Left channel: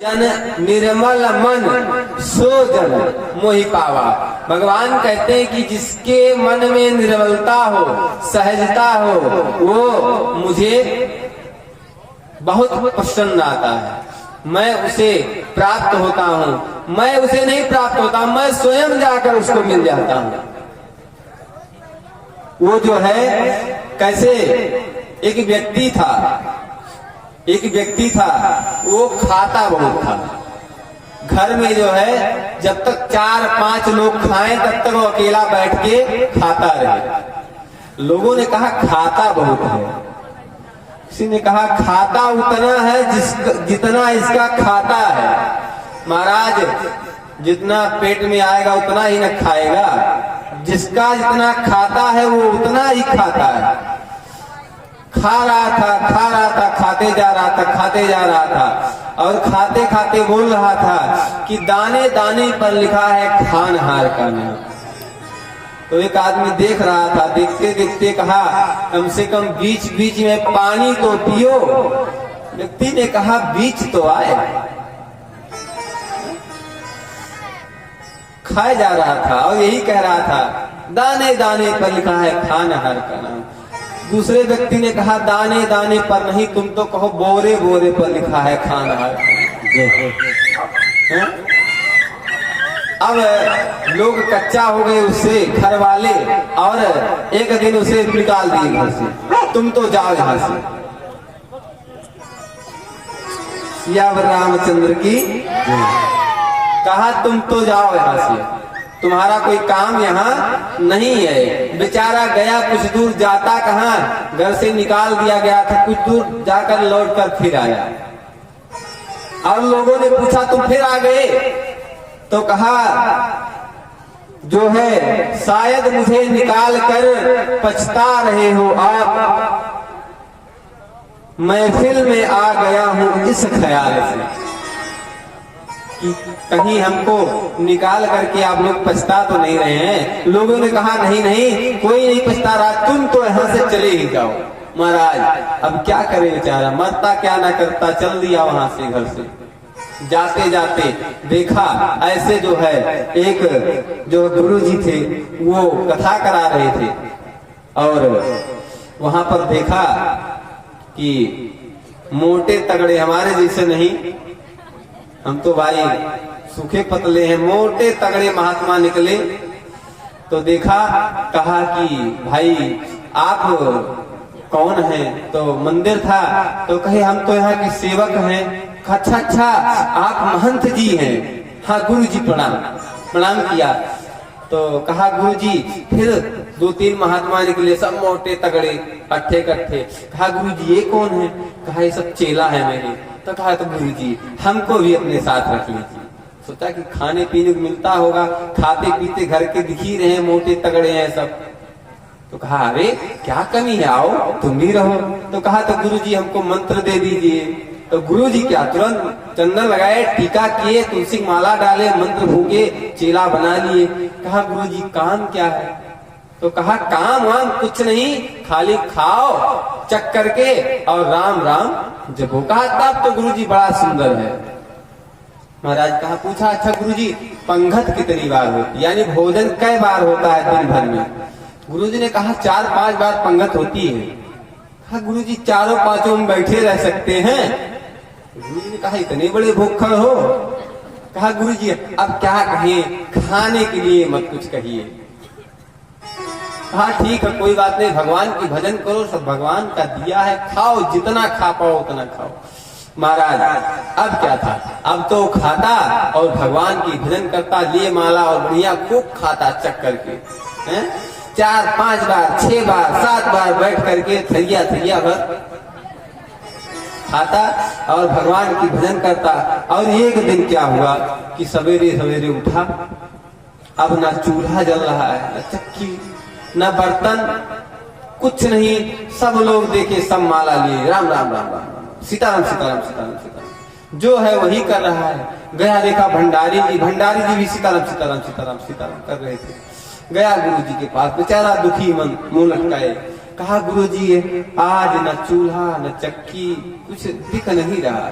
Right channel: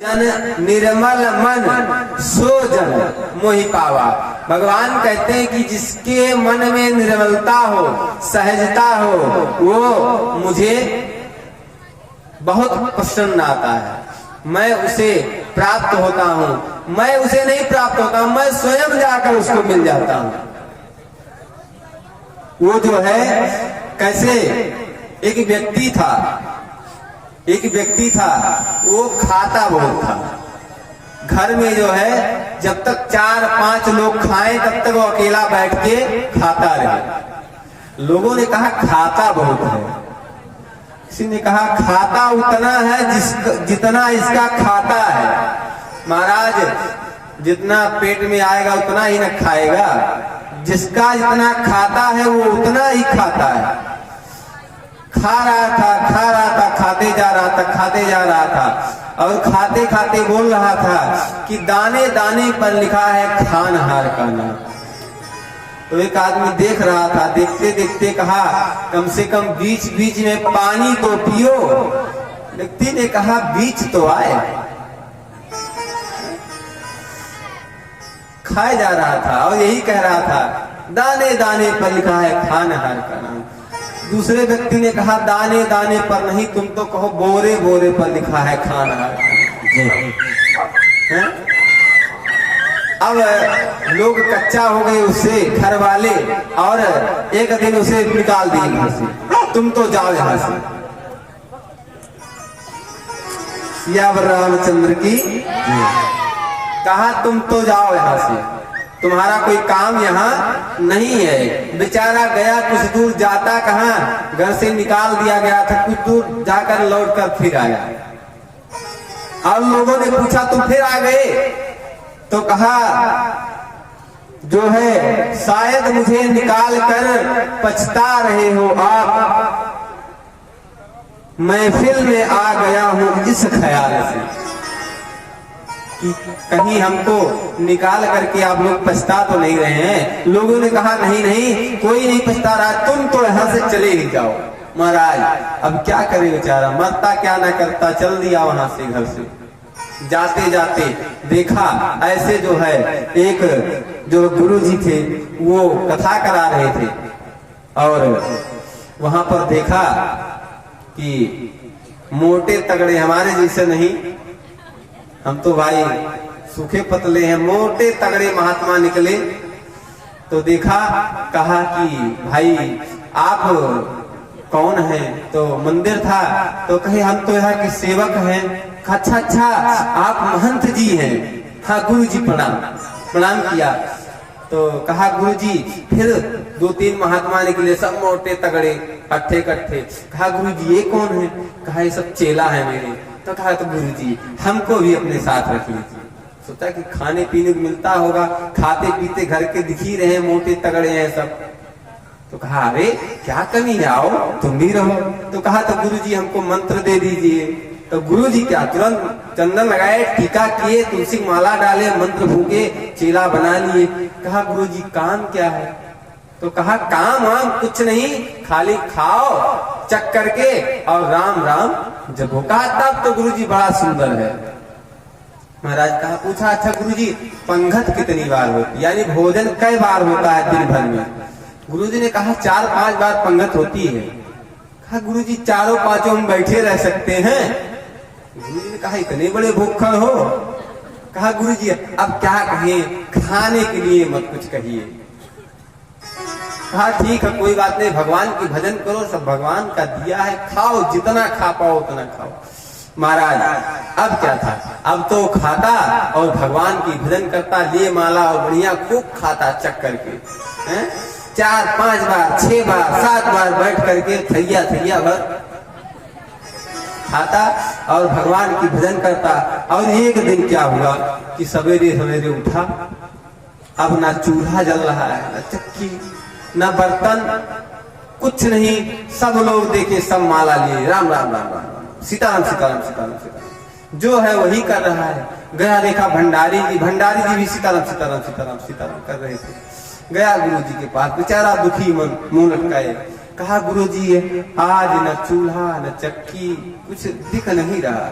जन निर्मल मन सो जन मोहि पावा। भगवान कहते हैं कि जिसके मन में निर्मलता हो, सहजता हो, वो मुझे बहुत पसंद आता है, मैं उसे प्राप्त होता हूँ। मैं उसे नहीं प्राप्त होता हूँ, मैं स्वयं जाकर उसको मिल जाता हूँ। वो जो है कैसे, एक व्यक्ति था, वो खाता बहुत था। घर में जो है जब तक 4-5 लोग खाएं तब तक वो अकेला बैठ के खाता रहे। लोगों ने कहा खाता बहुत है। किसी ने कहा खाता उतना है जितना इसका खाता है। महाराज जितना पेट में आएगा उतना ही न खाएगा, जिसका जितना खाता है वो उतना ही खाता है। खा रहा था, खाते जा रहा था और खाते खाते बोल रहा था कि दाने दाने पर लिखा है खानहार का नाम। तो एक आदमी देख रहा था, देखते देखते कहा कम से कम बीच बीच में पानी तो पियो। व्यक्ति ने कहा बीच तो आए। खाया जा रहा था और यही कह रहा था दाने दाने पर लिखा है खानहार का नाम। दूसरे व्यक्ति ने कहा दाने दाने पर नहीं, तुम तो कहो बोरे बोरे पर लिखा है खानहार। अब लोग कच्चा हो गए उससे, घर वाले, और एक दिन उसे निकाल दिए घर से, तुम तो जाओ यहां से। सियावर रामचंद्र की कहा तुम तो जाओ यहां से, तुम्हारा कोई काम यहाँ नहीं है। बेचारा गया, कुछ दूर जाता कहाँ, घर से निकाल दिया गया था, कुछ दूर जाकर लौटकर फिर आया। अब लोगों ने पूछा तुम फिर आ गए? तो कहा जो है शायद मुझे निकाल कर पछता रहे हो आप, महफिल में आ गया हूं इस ख्याल से कि कहीं हमको निकाल करके आप लोग पछता तो नहीं रहे हैं। लोगों ने कहा नहीं नहीं, कोई नहीं पछता रहा, तुम तो यहाँ से चले ही जाओ। महाराज अब क्या करे बेचारा, मरता क्या ना करता, चल दिया वहां से, घर से। जाते जाते देखा ऐसे जो है एक जो गुरु जी थे वो कथा करा रहे थे, और वहां पर देखा कि मोटे तगड़े, हमारे जैसे नहीं, हम तो भाई सूखे पतले हैं, मोटे तगड़े महात्मा निकले। तो देखा, कहा कि भाई आप कौन हैं? तो मंदिर था, तो कहे हम तो यहाँ के सेवक हैं। अच्छा आप महंत जी हैं? हाँ गुरु जी प्रणाम किया। तो कहा गुरु जी, फिर 2-3 महात्मा निकले, सब मोटे तगड़े, अट्ठे कट्ठे। कहा गुरु जी ये कौन है? कहा ये सब चेला है मेरे। तो कहा तो गुरु जी हमको भी अपने साथ रख लीजिए। सोचा कि खाने पीने को मिलता होगा, खाते पीते घर के दिख ही रहे हैं, मोटे तगड़े हैं सब। तो कहा अरे क्या कमी है, आओ तुम भी रहो। तो कहा तो गुरु जी हमको मंत्र दे दीजिए। तो गुरु जी क्या तुरंत चंदन लगाए, टीका किए, तुलसी माला डाले, मंत्र फूके, चेला बना लिए। कहा गुरु जी काम क्या है? तो कहा काम वाम कुछ नहीं, खाली खाओ चक करके और राम राम जपो। कहा तब तो गुरु जी बड़ा सुंदर है। महाराज कहा पूछा अच्छा गुरु जी पंगत कितनी बार होती, यानी भोजन कई बार होता है दिन भर में? गुरु जी ने कहा 4-5 बार पंगत होती है। कहा गुरु जी 4-5 में बैठे रह सकते हैं? गुरु जी ने कहा इतने बड़े भूखड़ हो? कहा गुरु जी अब क्या कहें, खाने के लिए मत कुछ कहिए। हाँ ठीक है कोई बात नहीं, भगवान की भजन करो, सब भगवान का दिया है, खाओ जितना खा पाओ उतना खाओ। महाराज अब क्या था, अब तो खाता और भगवान की भजन करता, लिए माला और बढ़िया खूब खाता चक करके, 4-5 बार 6 बार 7 बार बैठ करके थैया भर खाता और भगवान की भजन करता। और एक दिन क्या हुआ कि सवेरे सवेरे उठा, अब ना चूल्हा जल रहा है, ना चक्की, न बर्तन, कुछ नहीं। सब लोग देखे, सब माला लिए, राम राम राम राम सीताराम सीताराम सीताराम सीताराम जो है वही कर रहा है। गया देखा भंडारी जी भी सीताराम सीताराम सीताराम सीताराम कर रहे थे। गया गुरु जी के पास, बेचारा दुखी मन, मुंह लटकाए। कहा गुरुजी आज न चूल्हा न चक्की कुछ दिख नहीं रहा।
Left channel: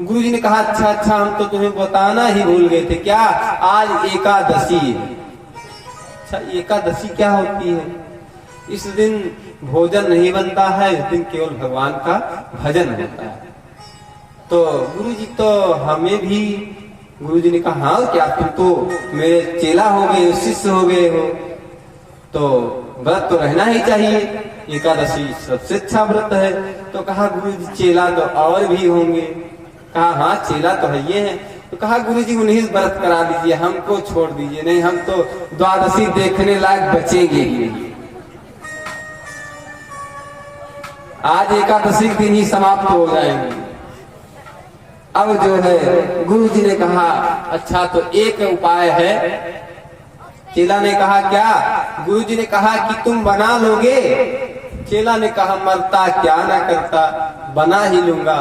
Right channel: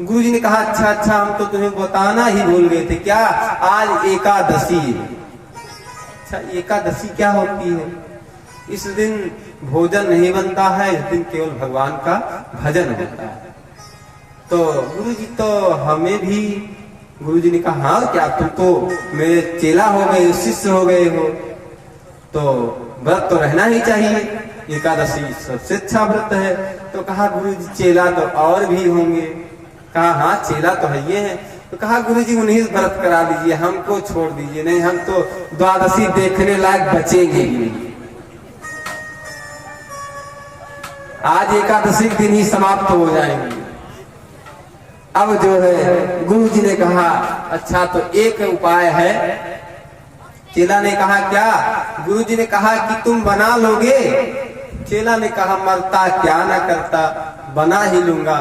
गुरुजी ने कहा अच्छा अच्छा, हम तो तुम्हें बताना ही भूल गए थे, क्या आज एकादशी है। अच्छा, एकादशी क्या होती है? इस दिन भोजन नहीं बनता है, इस दिन केवल भगवान का भजन होता है। तो गुरुजी तो हमें भी, गुरुजी ने कहा हाँ क्या, तुम तो मेरे चेला हो गए हो, शिष्य हो गए हो, तो व्रत तो रहना ही चाहिए, एकादशी सबसे अच्छा व्रत है। तो कहा गुरुजी चेला तो और भी होंगे। कहा हाँ चेला तो है ये है। तो कहा गुरुजी उन्हीं व्रत करा दीजिए, हमको छोड़ दीजिए, नहीं हम तो द्वादशी देखने लायक बचेंगे ही नहीं। आज एकादशी के दिन ही समाप्त हो जाएंगे। अब जो है गुरुजी ने कहा अच्छा तो एक उपाय है। चेला ने कहा क्या? गुरुजी ने कहा कि तुम बना लोगे। चेला ने कहा मरता क्या ना करता, बना ही लूंगा।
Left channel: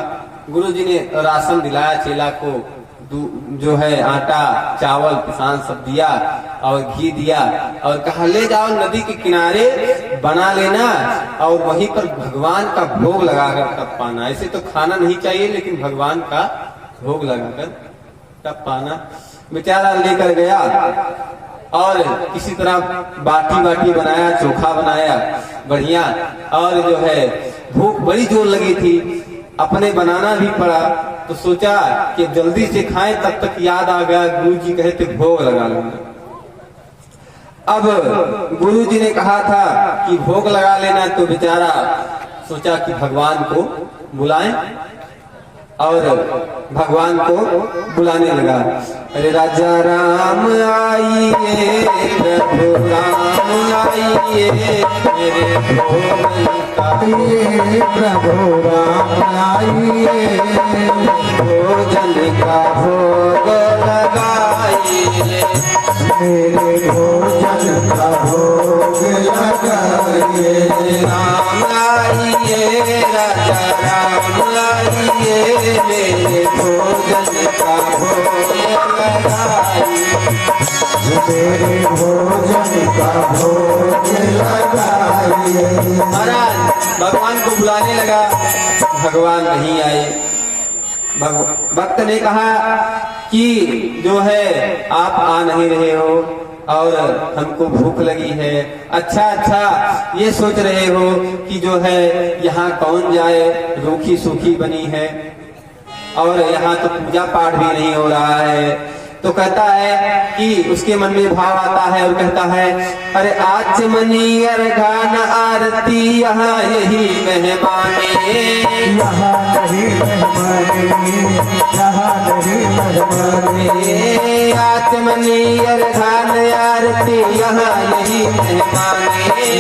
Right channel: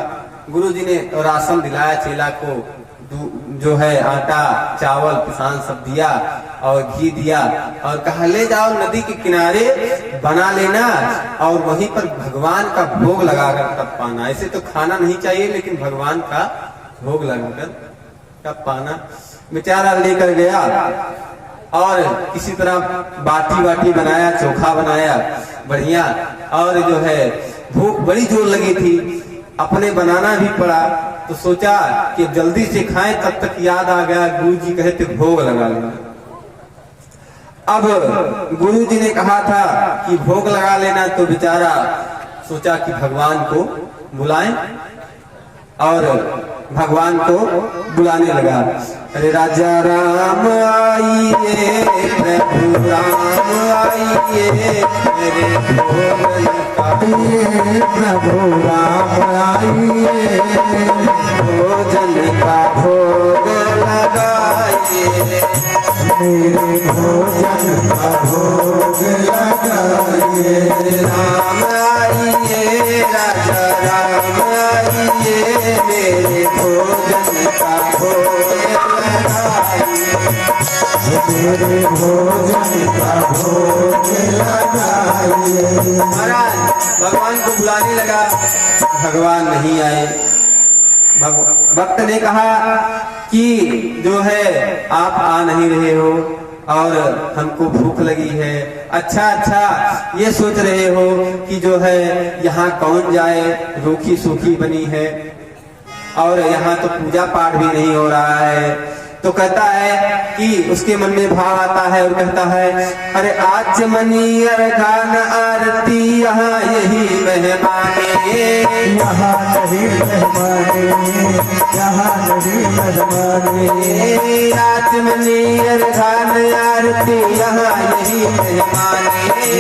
गुरुजी ने राशन दिलाया चेला को, जो है आटा चावल किसान सब दिया और घी दिया और कहा ले जाओ नदी के किनारे बना लेना और वहीं पर भगवान का भोग लगाकर तब पाना। ऐसे तो खाना नहीं चाहिए लेकिन भगवान का भोग लगाकर तब पाना। बेचारा लेकर गया और किसी तरह बाटी बाटी बनाया, चोखा बनाया बढ़िया, और जो है भूख बड़ी जोर लगी थी, अपने बनाना भी पड़ा। तो सोचा कि जल्दी से खाएं, तब तक याद आ गया गुरुजी कहे थे भोग लगा लेना। अब गुरुजी ने कहा था कि भोग लगा लेना, तो बेचारा सोचा कि भगवान को बुलाएं और भगवान को बुलाने लगा। अरे राजा राम आइए, प्रभु राम आइए, मेरे भोजन का प्रभु राम आइए, भोजन का भोग लगाइए, मेरे भोजन का भोग लगाइए। राम आइए, राजा राम आइए, मेरे भोजन का भोग लगाइए, मेरे भोजन का भोग लगाइए। महाराज भगवान को बुलाने लगा, भगवान नहीं आए। भक्त ने कहा कि जो है आप आ नहीं रहे हो और हमको भूख लगी है। अच्छा अच्छा ये सोच रहे हो कि जो है यहाँ कौन जाए, रूखी सूखी बनी है और यहाँ तो पूजा पाठ भी नहीं हो रहा है। तो कहता है कि उसके मन में भाव आता है और कहता है अरे आचमनी अर्घान आरती यहाँ यही मेहमाने, यहाँ यही मेहमाने, यहाँ यही मेहमाने, आचमनी अर्घान आरती यहाँ यही मेहमाने,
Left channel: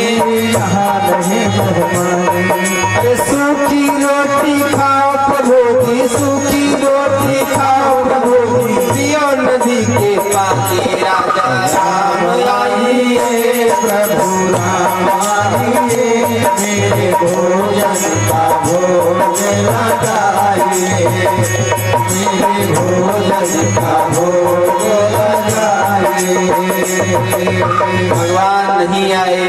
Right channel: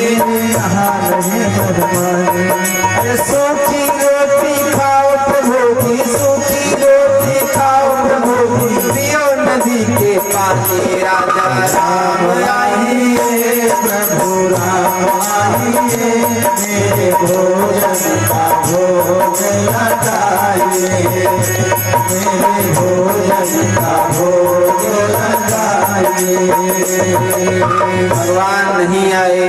यहाँ यही मेहमाने। अरे सूखी रोटी खाओ प्रभु की, सूखी रोटी खाओ प्रभु की, पियो नदी के पानी, राजा राम आइए, प्रभु राम आइए, मेरे भोजन का भोग लगाइए, मेरे भोजन का भोग लगाइए। भगवान नहीं आए,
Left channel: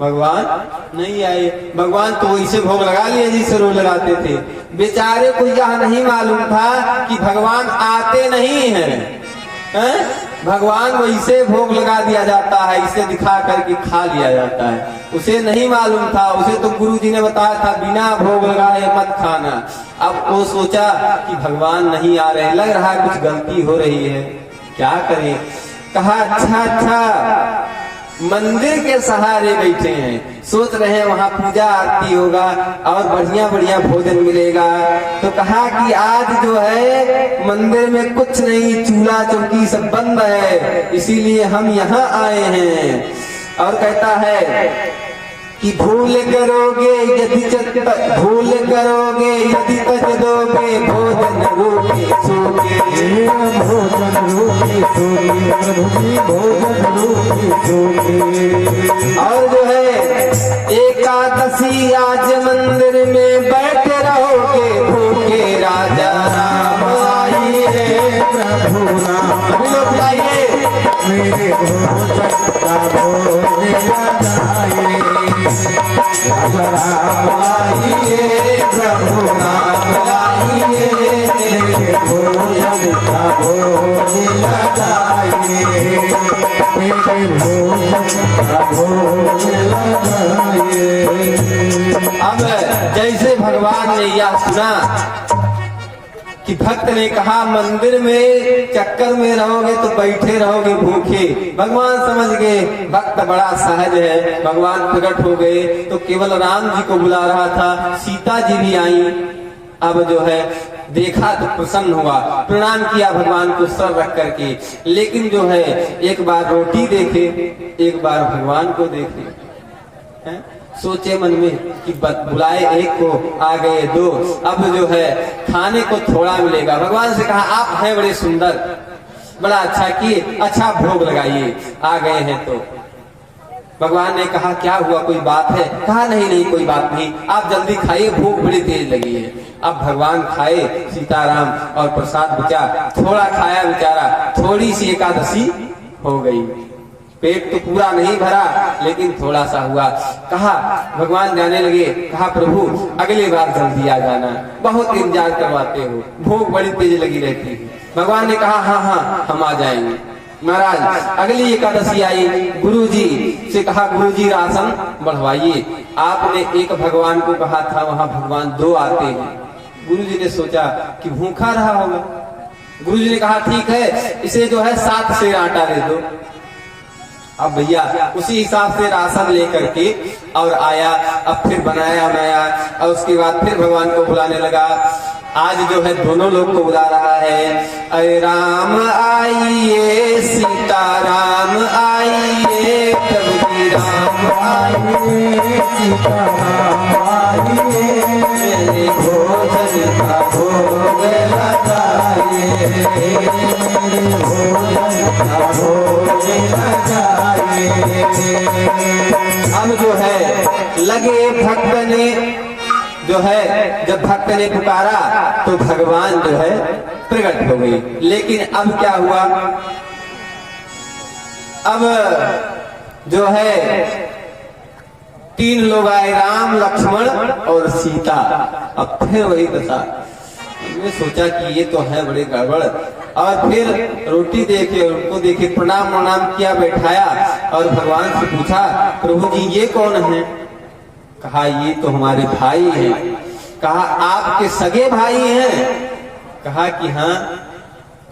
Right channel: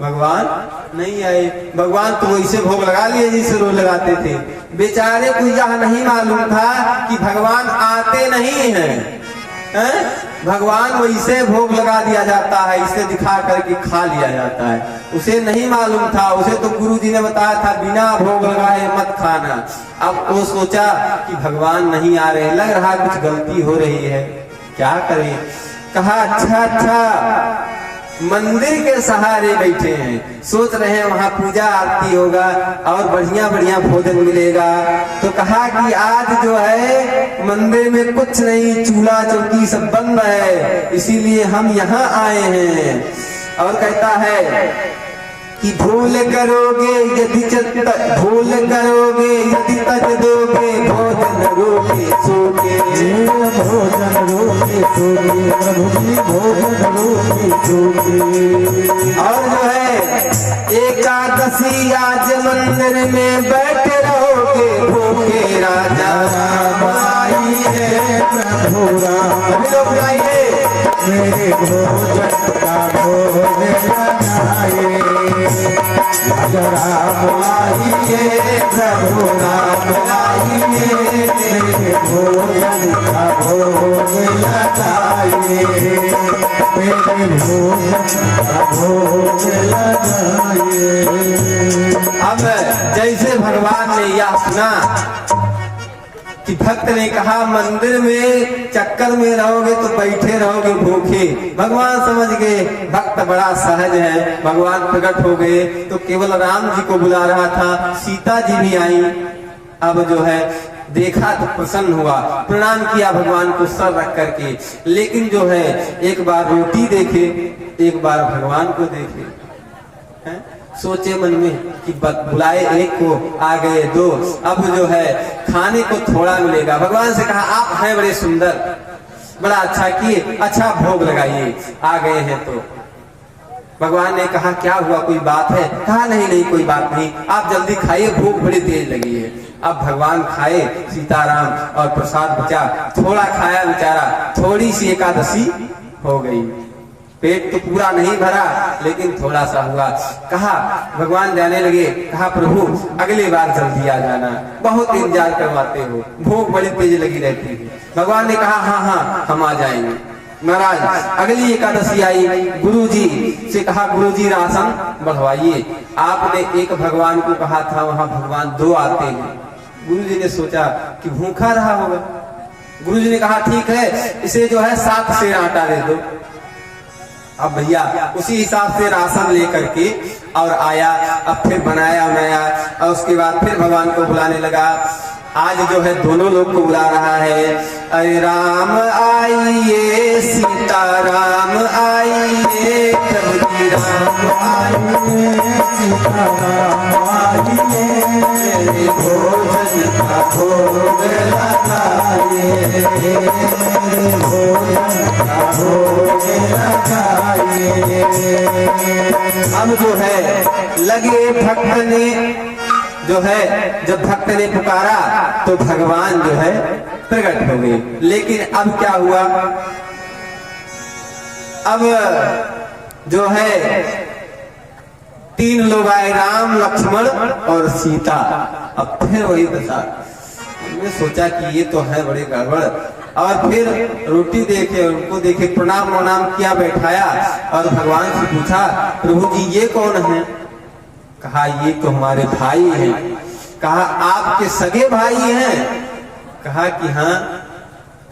भगवान नहीं आए। भगवान तो वैसे भोग लगा लिए जैसे रोज लगाते थे। बेचारे को यह नहीं मालूम था कि भगवान आते नहीं हैं। भगवान वैसे भोग लगा दिया जाता है, इसे दिखा करके खा लिया जाता है। उसे नहीं मालूम था, उसे तो गुरुजी ने बताया था बिना भोग लगाए मत खाना। अब वो सोचा कि भगवान नहीं आ रहे, लग रहा है कुछ गलती हो रही है, क्या करें। कहा अच्छा अच्छा मंदिर के सहारे बैठे हैं, सोच रहे हैं वहां पूजा आरती होगा और बढ़िया बढ़िया भोजन मिलेगा। तो कहा कि आज जो है मंदिर में कुछ नहीं, चूल्हा चौकी सब बंद है, इसीलिए हम यहाँ आए हैं। और कहता है कि भूल करोगे यदि भूल करोगे यदि तज दोगे, भोजन रोटी सूखे, भोजन रोटी सूखे, प्रभु जी भोजन रोटी सूखे। और जो है एकादशी आज मंदिर में बैठे रहोगे भूखे, राजा राम आइए, प्रभु राम आइए, मेरे भोजन का भोग लगाइए, राजा राम आइए, प्रभु राम आइए, भोजन का भोग लगाइए, मेरे भोजन का भोग लगाइए। अब जैसे भगवान ने यह सुना कि भक्त ने कहा मंदिर में चक्कर में रहोगे तो बैठे रहोगे भूखे, भगवान समझ गए भक्त बड़ा सहज है। भगवान प्रकट हो गए तो केवल राम जी को बुला रहा था, सीता जी भी आई। अब जो है देखा तो प्रसन्न हुआ, प्रणाम किया भगवान को सर रख करके, लेकिन जो है एक बार रोटी देखे, एक बार भगवान को देखे। है? सोचे मन में कि बुलाए एक को आ गए दो, अब जो है खाने को थोड़ा मिलेगा। भगवान से कहा आप हैं बड़े सुंदर, बड़ा अच्छा किए, अच्छा भोग लगाइए, आ गए हैं तो। भगवान ने कहा क्या हुआ, कोई बात है? कहा नहीं नहीं कोई बात नहीं, आप जल्दी खाइए, भूख बड़ी तेज लगी है। अब भगवान खाए सीताराम और प्रसाद बचा, थोड़ा खाया बेचारा, थोड़ी सी एकादशी हो गई, पेट तो पूरा नहीं भरा लेकिन थोड़ा सा हुआ। कहा भगवान जाने लगे, कहा प्रभु अगली बार जल्दी आ जाना, बहुत इंतजार करवाते हो, भूख बड़ी तेज लगी रहती है। भगवान ने कहा हाँ हाँ हम आ जाएंगे। महाराज अगली एकादशी आई, गुरुजी से कहा गुरुजी राशन बढ़वाइए। आपने एक भगवान को कहा था, वहां भगवान दो आते हैं। गुरुजी ने सोचा कि भूखा रहा होगा। गुरुजी ने कहा ठीक है, इसे जो है 7 सेर आटा दे दो। अब भैया उसी हिसाब से राशन लेकर के और आया, अब फिर बनाया और उसके बाद फिर भगवान को बुलाने लगा। आज जो है दोनों लोग को बुला रहा है, अरे राम आइए, सीता राम आइए, प्रभु जी राम आइए, सीता राम आइए, मेरे भोजन का भोग लगाइए, मेरे भोजन का भोग लगाइए। हम जो है लगे भक्त ने जो है, जब भक्त ने पुकारा तो भगवान जो है प्रकट हो गए। लेकिन अब क्या हुआ, अब जो है 3 लोग आए, राम लक्ष्मण और सीता। अब फिर वही दशा, हमने सोचा कि ये तो है बड़े गड़बड़। और फिर रोटी देके उनको देखे, प्रणाम किया, बैठाया और भगवान से पूछा प्रभु जी ये कौन है? कहा ये तो हमारे भाई हैं। कहा आपके सगे भाई हैं? कहा कि हाँ।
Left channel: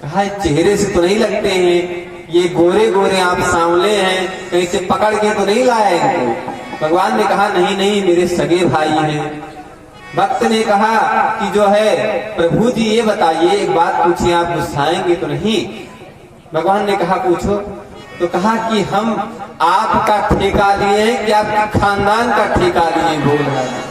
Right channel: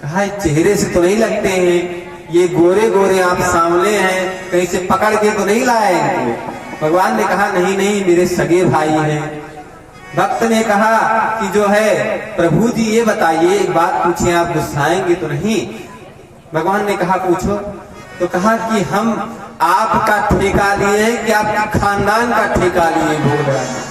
कहा चेहरे से तो नहीं लगते हैं, ये गोरे गोरे आप सांवले हैं, कहीं से पकड़ के तो नहीं लाए इनको? भगवान ने कहा नहीं नहीं मेरे सगे भाई हैं। भक्त ने कहा कि जो है प्रभु जी ये बताइए, एक बात पूछिए, आप गुस्साएंगे तो नहीं? भगवान ने कहा पूछो। तो कहा कि हम आपका ठेका लिए हैं कि आपके खानदान का ठेका लिए? बोल रहा है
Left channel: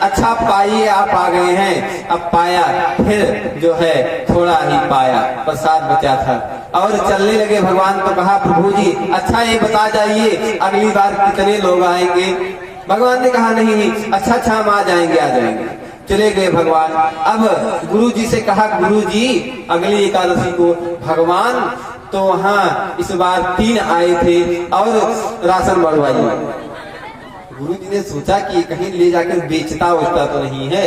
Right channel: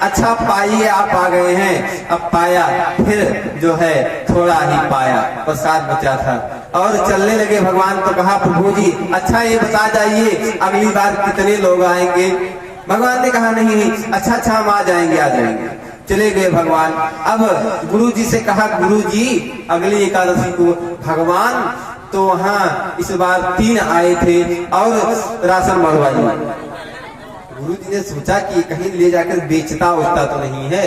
अच्छा पाइए, आप आ गए हैं। अब पाया, फिर जो है थोड़ा ही पाया, प्रसाद बचा था और चलने लगे भगवान। तो कहा प्रभु जी अच्छा ये बता जाइए अगली बार कितने लोग आएंगे? भगवान ने कहा नहीं अच्छा हम आ जाएंगे। चले गए भगवान। अब गुरु जी से कहा गुरु जी अगली एकादशी को भगवान तो वहाँ इस बार 3 आए थे और राशन बढ़वाइए। गुरु जी ने सोचा कि कहीं ले जाकर बेचता होता तो नहीं है।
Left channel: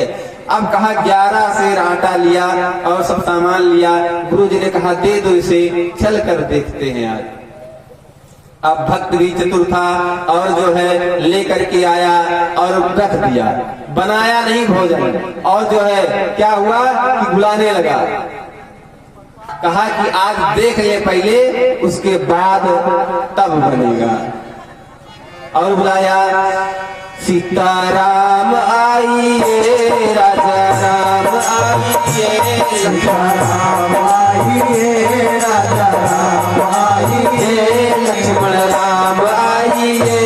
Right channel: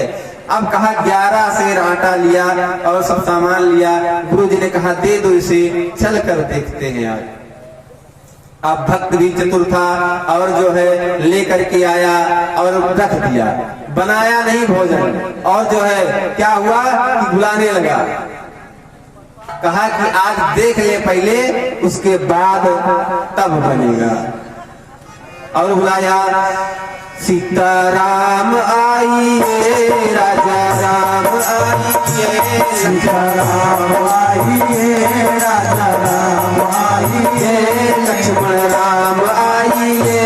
अब कहा 11 सेर आटा लिया और सब सामान लिया। गुरु जी ने कहा दे दो इसे, चल कर देखते हैं आज। अब भक्त भी चतुर था और जो है लेकर के आया और रख दिया, बनाया नहीं भोजन। और जो है क्या हुआ कि बुलाने लगा, कहा कि आज देख ले पहले, उसके बाद तब बनेगा। और बुलाया, सीताराम आइए, राजा राम आइए, सीताराम आइए, राजा राम आइए, लक्ष्मण राम आइए,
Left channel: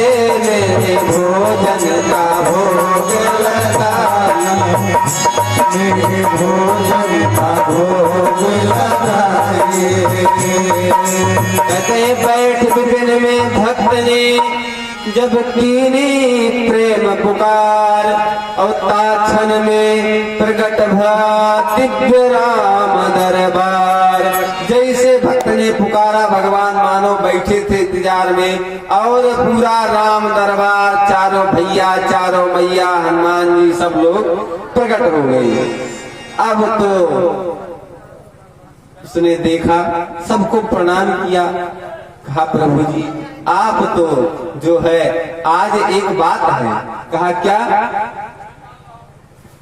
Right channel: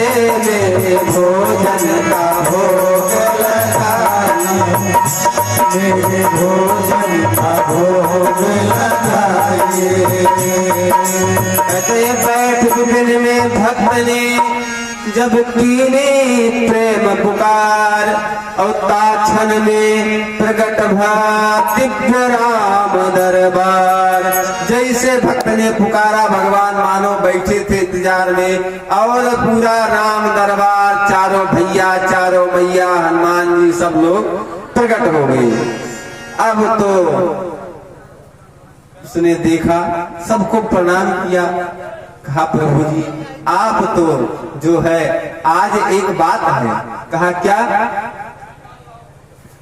मेरे भोजन का भोग लगाइए, मेरे भोजन का भोग लगाइए। कहते बैठ विपिन में भक्त ने जब कीनी प्रेम पुकार, और ताक्षण में प्रकट भा दिव्य राम दरबार। जैसे भक्त ने पुकारा भगवान मानो बैठे थे इंतजार में, और पूरा राम दरबार, चारों भैया चारों मैया हनुमान जी सब लोग प्रकट हो गई। अब तो उसने देखा, सबको प्रणाम किया, कहा प्रभु जी आप तो जो है आज एक बात है। कहा क्या?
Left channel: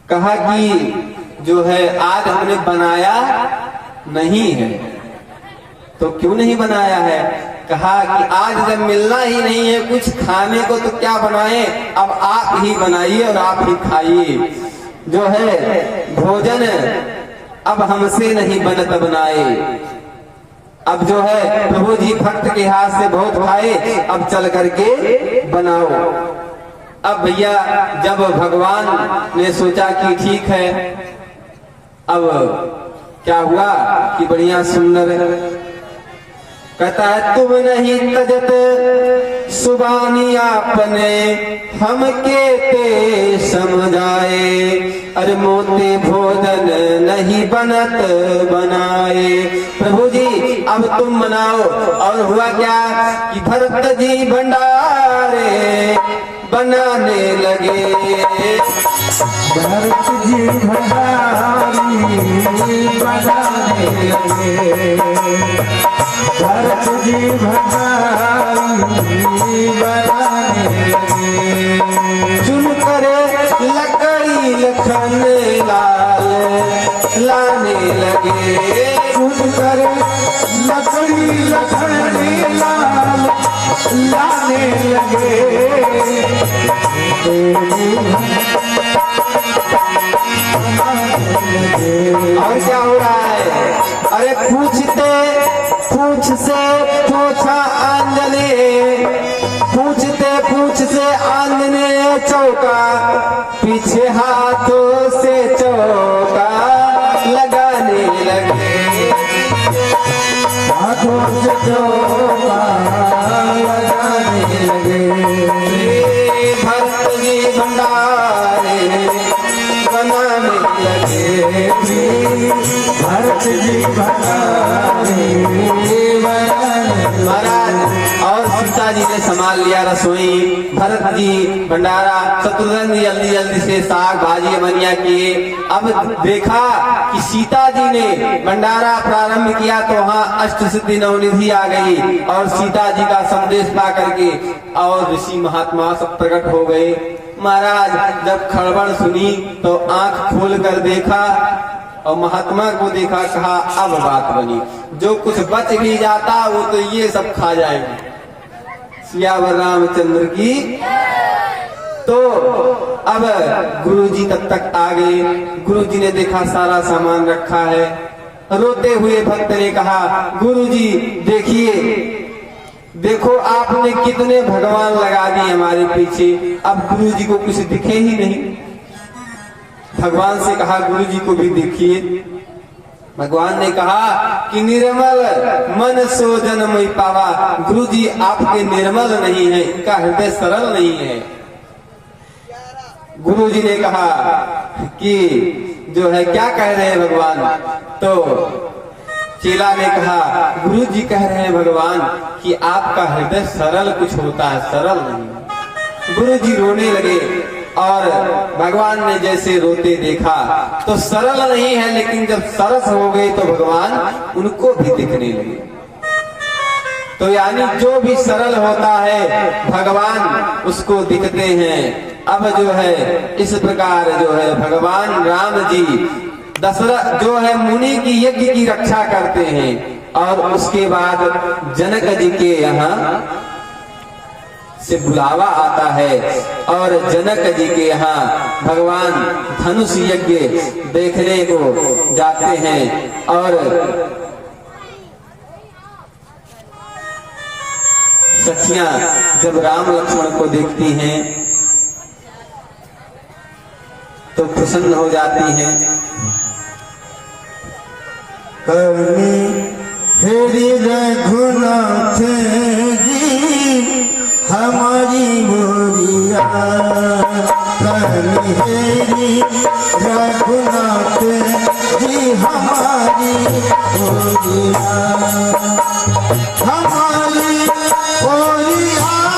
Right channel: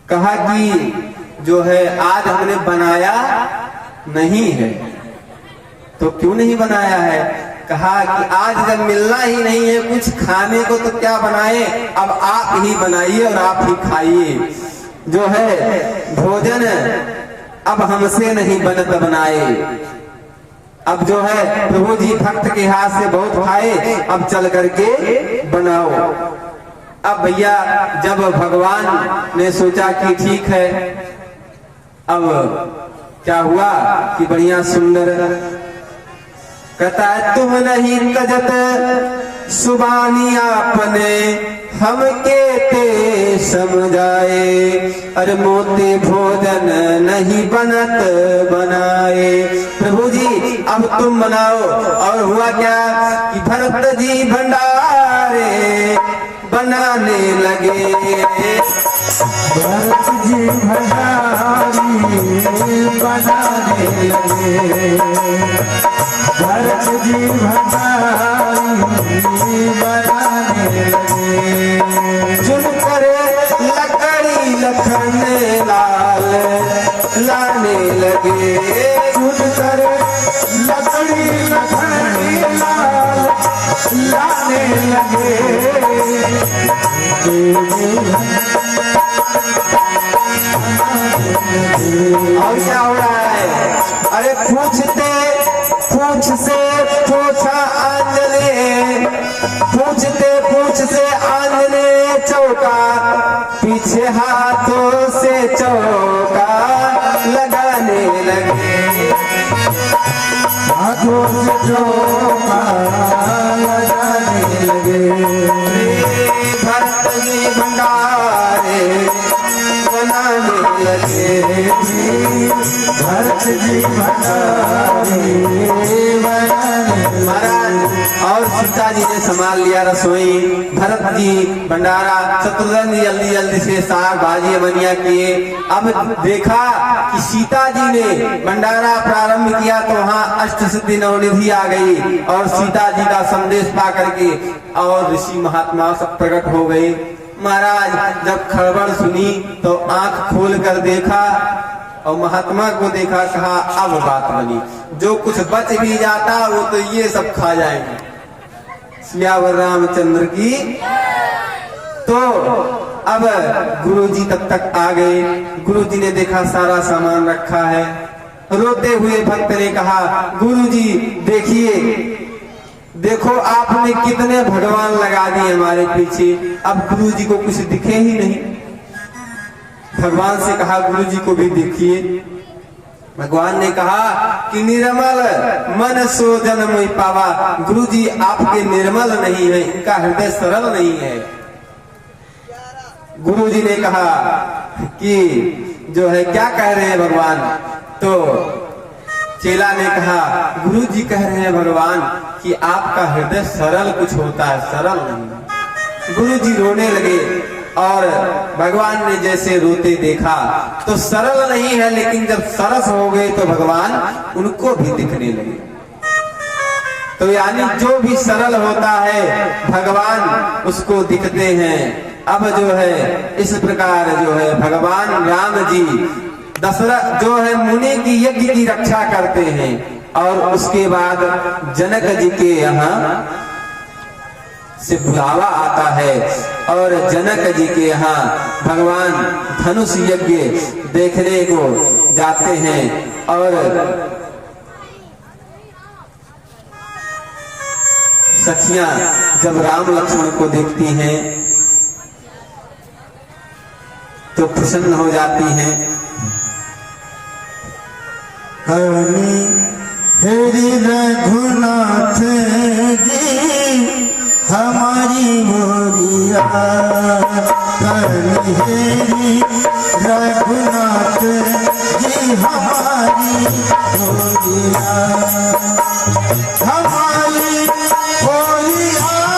कहा कि जो है आज हमने बनाया नहीं है। तो क्यों नहीं बनाया है? कहा कि आज जब मिलना ही नहीं है कुछ खाने को तो क्या बनाए, अब आप ही बनाइए और आप ही खाइए। जो है भोजन अब हमसे नहीं बनत बनाए। अब जो है प्रभु जी भक्त के हाथ से बहुत खाए, अब चल करके बनाओ। अब भैया जब भगवान ने सोचा कि ठीक है, अब क्या हुआ कि बढ़िया सुंदर कहता है तुम नहीं तजत सुबानी आपने हमके ते समझाए, अरे मोते भोजन नहीं बनत बनाए। प्रभु जी अब तुम बनाओ। और हुआ क्या कि भरत जी भंडारे बनाने लगे। भरत जी भंडारी बनाने लगे। भरत जी भंडारी बनाने लगे। चुन करे लकड़ी लखन लाल लाने लगे। चुन कर लकड़ी लखन लाल लाने लगे। और क्या हो रहा है? अरे पूछते पूछ से पूछा आंजने, पूछते पूछ से आंजने चौका, पीछे हाथों से चौका लगाने लगे। हाथों से चौका लगाने लगे। भरत जी भंडारे बनाने लगे। भरत जी भंडारी बनाने। महाराज और सीता जी ने संभाल लिया रसोई। भरत जी भंडारा, शत्रुघ्न जी जल्दी जल्दी से साग भाजी बनिया किए। अब देखा कि सीता जी ने भंडारा प्रारंभ किया तो वहाँ अष्ट सिद्धि नवनिधि आ गई और सीता जी का संदेश पा करके और ऋषि महात्मा सब प्रकट हो गए। महाराज जब खड़बड़ सुनी तो आंख खोल कर देखा और महात्मा को देखा, कहा अब बात बनी, जो कुछ बच भी जाता वो तो ये सब खा जाएंगे। सियावर रामचंद्र की। तो अब गुरुजी तब तक आ गए। गुरुजी ने देखा सारा सामान रखा है। रोते हुए भक्त ने कहा गुरुजी देखिए, देखो आपने कितने भगवान लगा दिए हमारे पीछे, अब गुरुजी को कुछ दिखे ही नहीं। भगवान से कहा गुरुजी को भी देखिए। भगवान ने कहा कि निर्मल मन सो जन मोहि पावा। गुरुजी आपके निर्मल नहीं है, इनका हृदय सरल नहीं है। गुरुजी ने कहा कि जो है क्या कह रहे हैं भगवान? तो चेला ने कहा गुरुजी कह रहे हैं भगवान कि आपका हृदय सरल कुछ होता है, सरल नहीं। गुरुजी रोने लगे और भगवान ने जैसे रोते देखा तो सरल नहीं है, लेकिन जब सरस हो गए तो भगवान उनको भी दिखने लगे। तो यानी जो भी सरल होता है भगवान उसको दिखते हैं। अब जो है इस प्रकार जो है भगवान राम जी दशरथ जो है मुनि की यज्ञ की रक्षा करते हैं और उसके बाद जनक जी के यहाँ से बुलावा आता है और जनक जी के यहाँ भगवान धनुष यज्ञ देखने को जाते हैं। और सखियां जब राम लक्ष्मण को देखती हैं तो प्रसन्न हो जाती हैं। हरि रघुनाथ जी हमारी मोरिया, हरि रघुनाथ जी हमारी मोरिया, हमारी मोरिया।